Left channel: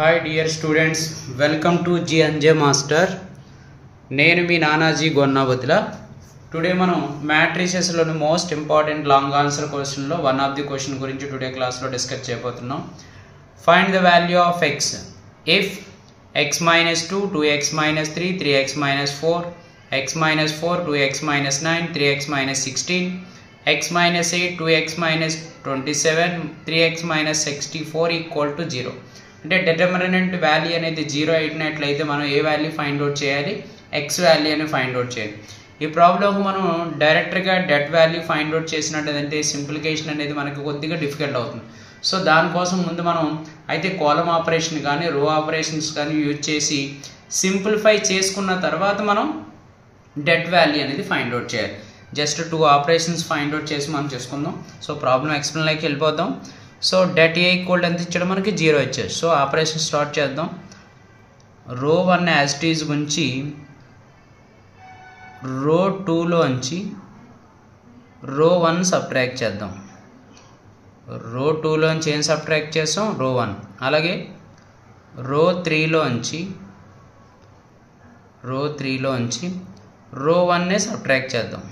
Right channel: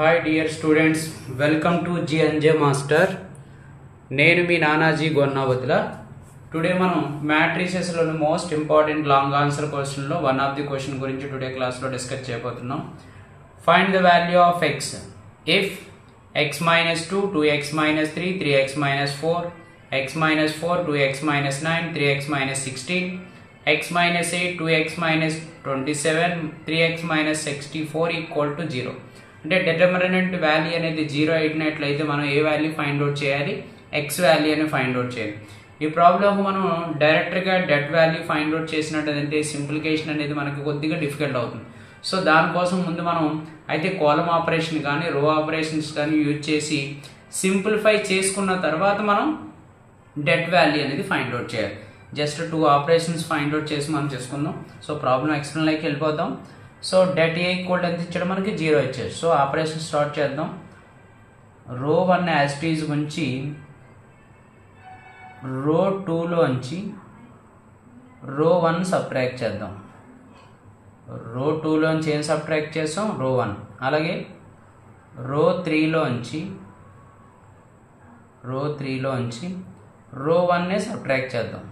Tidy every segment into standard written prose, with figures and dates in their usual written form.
Hi dear students, welcome to G&J Master. నేను మీ Nanaji గొన్నవతిల. Today మనం matrices లోని most important long answer question లో one of the question గురించి today class లో discuss చేయబోతున్నాం. Find the value of x if x minus 2, 2x minus 3, 3x minus 4, x minus 4, 2x minus 9, 3x minus 16, x minus 8, 2x minus 27, 3x minus 64 equal to 0. అంటే determinant value అనేది 0 అయినట్లయితే మనం ఏ value find out చేయాలి, X value అని find out చేయాలి. ఈ problem మనం డైరెక్ట్గా డెట్ వాల్యూ ఫైండ్ అవుట్ చేసినట్లయితే సింప్లికేషన్ అనేది మనకి కొద్దిగా డిఫికల్ట్ అవుతుంది. సో దానికోసం ముందు మనం అయితే కాలమ్ ఆపరేషన్ కానీ రో ఆపరేషన్స్ కానీ యూజ్ చేసి సింప్లిఫై చేసుకున్న తర్వాత మనం డెట్ వాల్యూ అనేది ఫైండ్ అవుట్ చేయాలి. జస్ట్ 2 ఆపరేషన్స్ ఫైండ్ అవుట్ చేసి మనం చేసుకుందాం. సో ప్రాబ్లం ఎక్స్ప్లెయిన్లోకి వెళ్ళిపోదాం. సో డెట్ ఏ ఈక్వల్ ఎంత ఇచ్చాడు, మనకి 0 ఇచ్చాడు. సో ఆపరేషన్ స్టార్ట్ చేద్దాం. రో 1 యాజ్ ఇట్ ఈజ్ ఉంచి రో 2లోంచి రో 1 సబ్ట్రాక్ట్ చేద్దాం. రో 2లోంచి ఏం సబ్ట్రాక్ట్ చేస్తాం, రో 1. అలాగే రో 3లోంచి రో 1నే సబ్ట్రాక్ట్ చేద్దాం.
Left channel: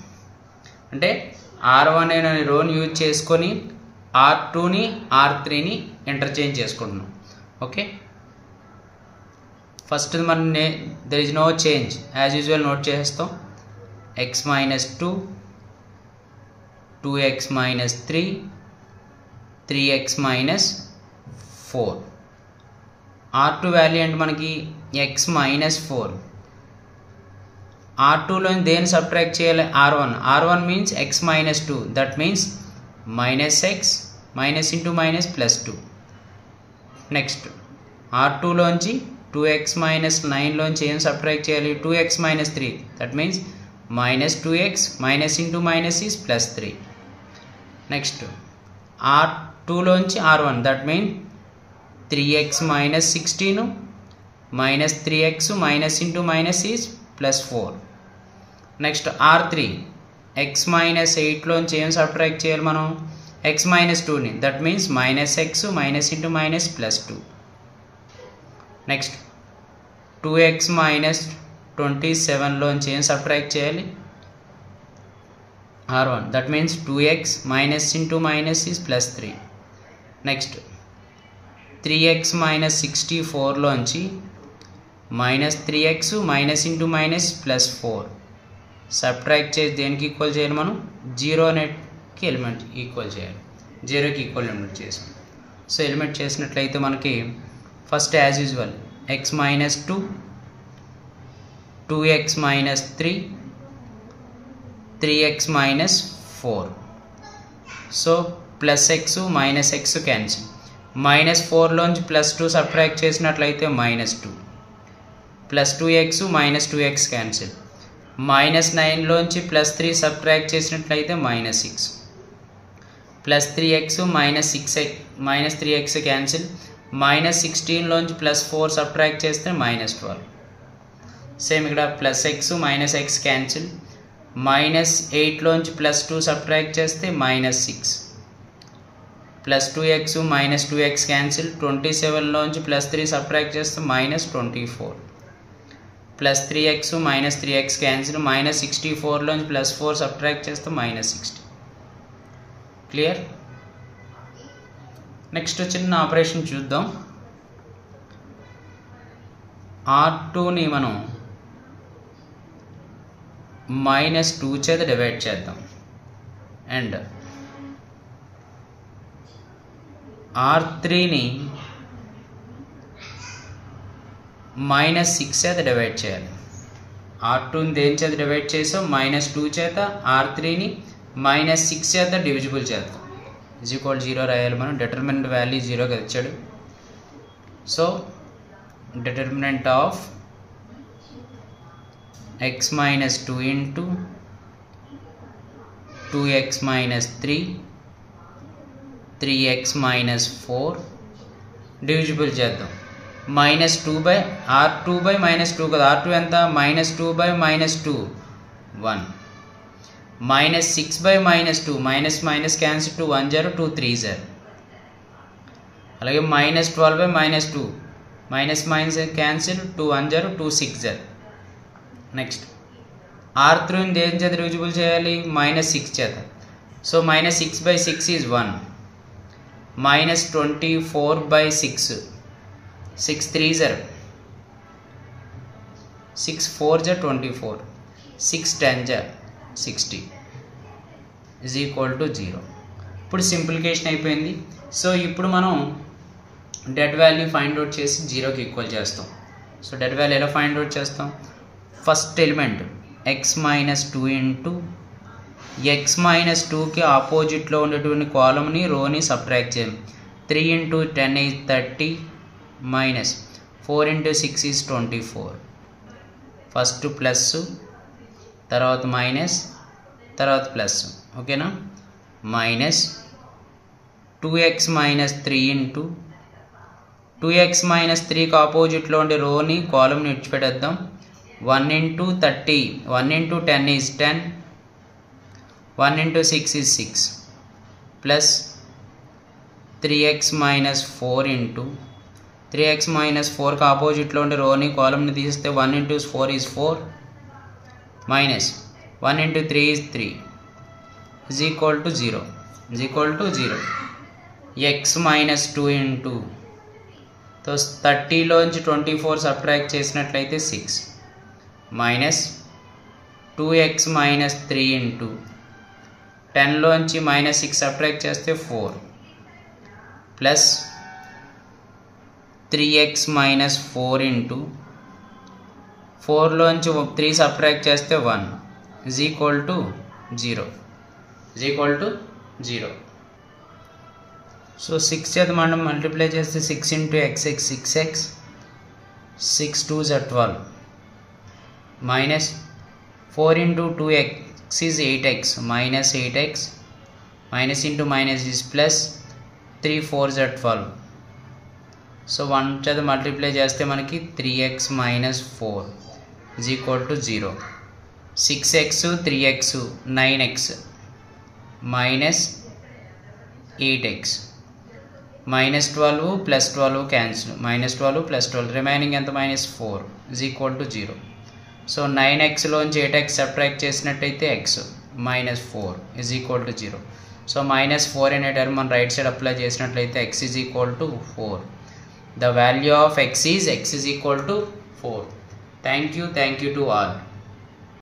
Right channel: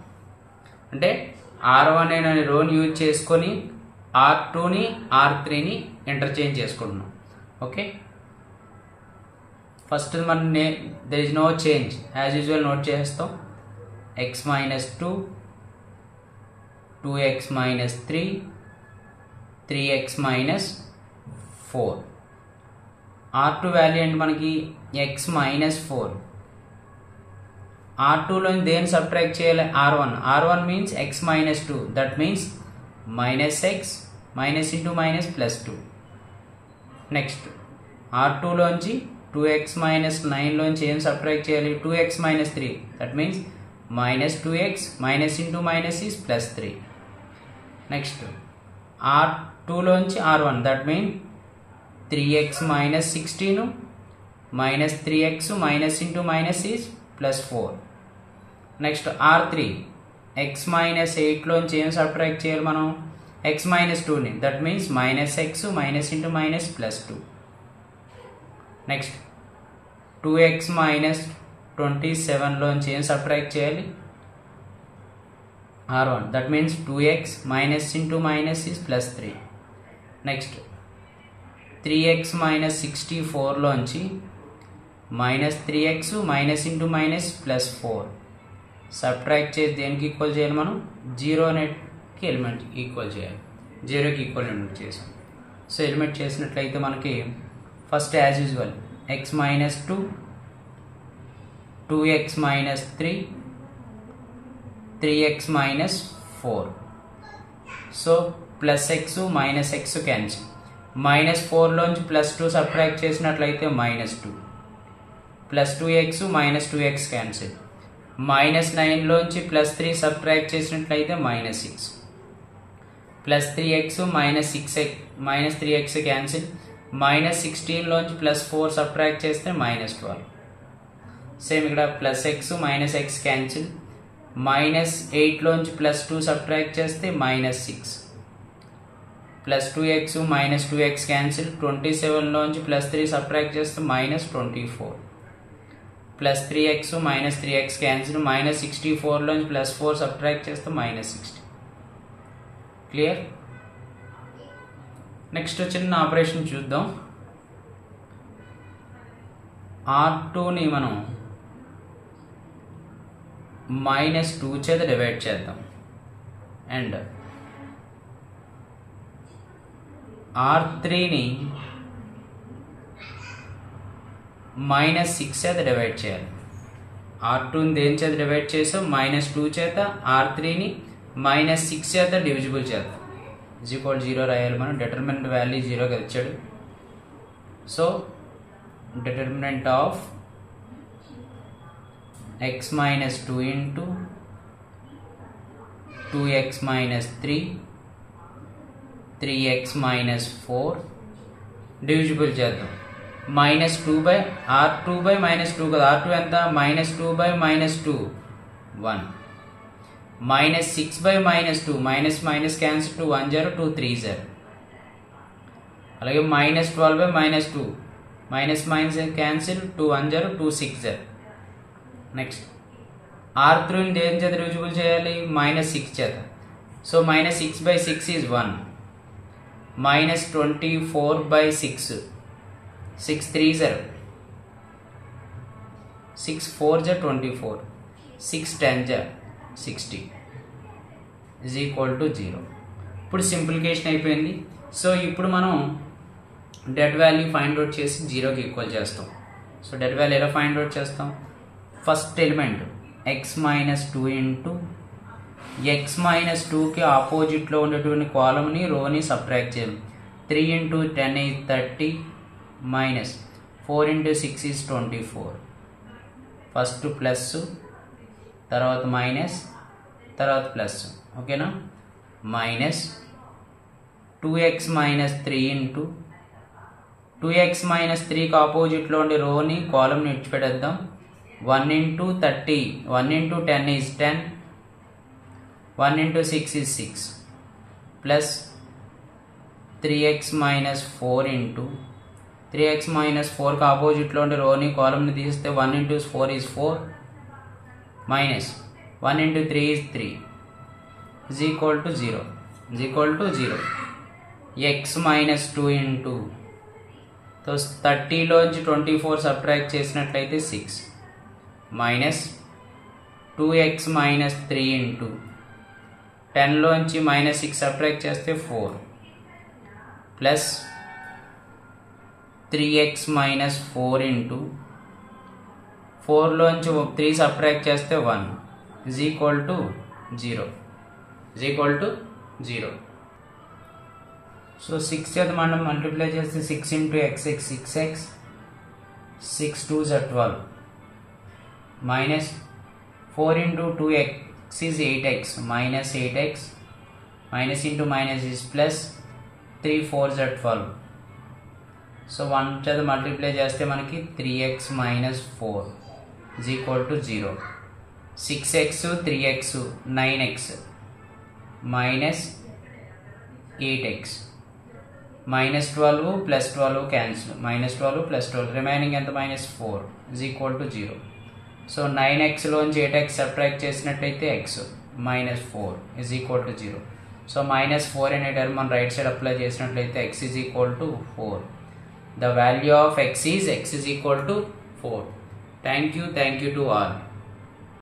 అంటే R1 అనే రోని యూజ్ చేసుకొని R2ని R3ని ఇంటర్చేంజ్ చేసుకుంటున్నాం. ఓకే, ఫస్ట్ మనం there is no change, as usual note చేస్తాం. x minus 2, 2x minus 3, 3x minus 4. R2 value అంటే మనకి x minus 4. R2లో దేని సబ్ట్రాక్ట్ చేయాలి, R1 means x minus 2, that means minus x minus into minus plus 2. Next R2లోంచి 2x minus 9లోంచి ఏం subtract చేయాలి, 2x minus 3, that means minus 2x minus into minus is plus 3. Next R2లోంచి R1, that mean 3x minus 16 minus 3x minus into minus is plus 4. Next R3 x minus 8లోంచి ఏం subtract చేయాలి మనం, x minus 2ని, that means minus x minus into minus plus 2. Next 2x minus 27లోంచి ఏం subtract చేయాలి, R1, that means 2x minus into minus is plus 3. Next 3x minus 64లోంచి minus 3x minus into minus plus 4 subtract చేసి దేనికి equal చేయాలి, మనం 0 అనేకి element equal చేయాలి. 0కి equal element చేసాం. So element చేసినట్లయితే మనకి first as usual x minus 2, 2x minus 3, 3x minus 4. So plus x minus x cancel. minus 4లోంచి ప్లస్ 2 సబ్ట్రాక్ట్ చేసినట్లయితే minus 2, plus 2x minus 2x cancel. minus 9లోంచి plus 3 subtract చేసినట్లయితే minus 6, plus 3x minus 3x cancel. minus 16లోంచి plus 4 subtract చేస్తే minus 12. Same ఇక్కడ plus x minus x cancel. minus 8లోంచి plus 2 subtract చేస్తే minus 6, plus 2x minus 2x cancel. 27లోంచి plus 3 subtract చేస్తే minus 24, plus 3x minus 3x cancel. minus 64లోంచి plus 4 subtract చేస్తే minus 60. Clear? Next చిన్న operation చూద్దాం. R2ని మనం -2 చేత డివైడ్ చేద్దాం అండ్ R3ని -6 చేత డివైడ్ చేయాలి. R2ని దేని చేత డివైడ్ చేసాం, -2 చేత. R3ని -6 చేత డివిజిబుల్ చేద్దాం. ఈజ్ ఈక్వల్ 0 రాయాలి మనం. డిటర్మినెంట్ వాల్యూ 0గా ఇచ్చాడు. So determinant of x minus 2 into 2x minus 3, 3x minus 4 divisible చేద్దాం. -2 బై R2 బై -2 కదా, R2 ఎంత, -2 by -2 1, -6 by -2, minus minus cancel, 2 1 0, 2 3 0. అలాగే -12 by -2 minus minus cancel, 2 1 0, 2 6 0. Next R3 దేని చేత డివిజిబుల్ చేయాలి? -6 చేత. So -6/6 is 1, -24/6, 6 3 0, 6 4 24, 6 10 60 is equal to 0. ఇప్పుడు సింప్లికేషన్ అయిపోయింది. సో ఇప్పుడు మనం డెడ్ వాల్యూ ఫైండ్ అవుట్ చేసి 0కి ఈక్వల్ చేస్తాం. సో డెడ్ వాల్యూ ఎలా ఫైండ్ అవుట్ చేస్తాం? First element x - 2 into x - 2కి ఆపోజిట్లో ఉండేటువంటి కాలమ్ని రోని సబ్ట్రాక్ట్ చేయాలి. 3 × 10 is 30, minus 4 × 6 is 24. First plus, తర్వాత మైనస్, తర్వాత ప్లస్. ఓకేనా? మైనస్ 2x - 3 ఇంటూ 2x - 3కి ఆపోజిట్లో ఉండే రోని కాలమ్ని విడిచిపెట్టేద్దాం. 1 × 30, 1 × 10 is 10, 1 × 6 is 6, plus 3x - 4 into 3x - 4కి ఆపోజిట్లో ఉండే రోని కాలమ్ని తీస్తే 1 × 4 is 4, minus 1 × 3 is 3 is equal to 0. Is equal to 0. x - 2 into 30లోంచి 24 సబ్ట్రాక్ట్ చేసినట్లయితే 6, మైనస్ 2x - 3 ఇంటూ 10లోంచి -6 సబ్ట్రాక్ట్ చేస్తే 4, ప్లస్ 3x - 4 ఇంటూ 4లోంచి 3 సబ్ట్రాక్ట్ చేస్తే 1 is equal to 0. Is equal to 0. So 6 చేత మనం మల్టిప్లై చేస్తే 6 × x 6x, 6 2s 12, minus 4 × 2x is 8x, minus 8x, minus into minus is plus, 3 4s 12. So 1 చేత multiply చేస్తే మనకి 3x - 4 is equal to 0. 6x 3x 9x, minus 8x, -12 + 12 క్యాన్సిల్, -12 + 12 remaining ఎంత? -4 is equal to 0. So 9xలోంచి 8x subtract చేసినట్టయితే x -4 is equal to 0. So -4 అనే term మనం right side apply చేసినట్లయితే x is equal to 4. The value of x is equal to 4. Thank you to all.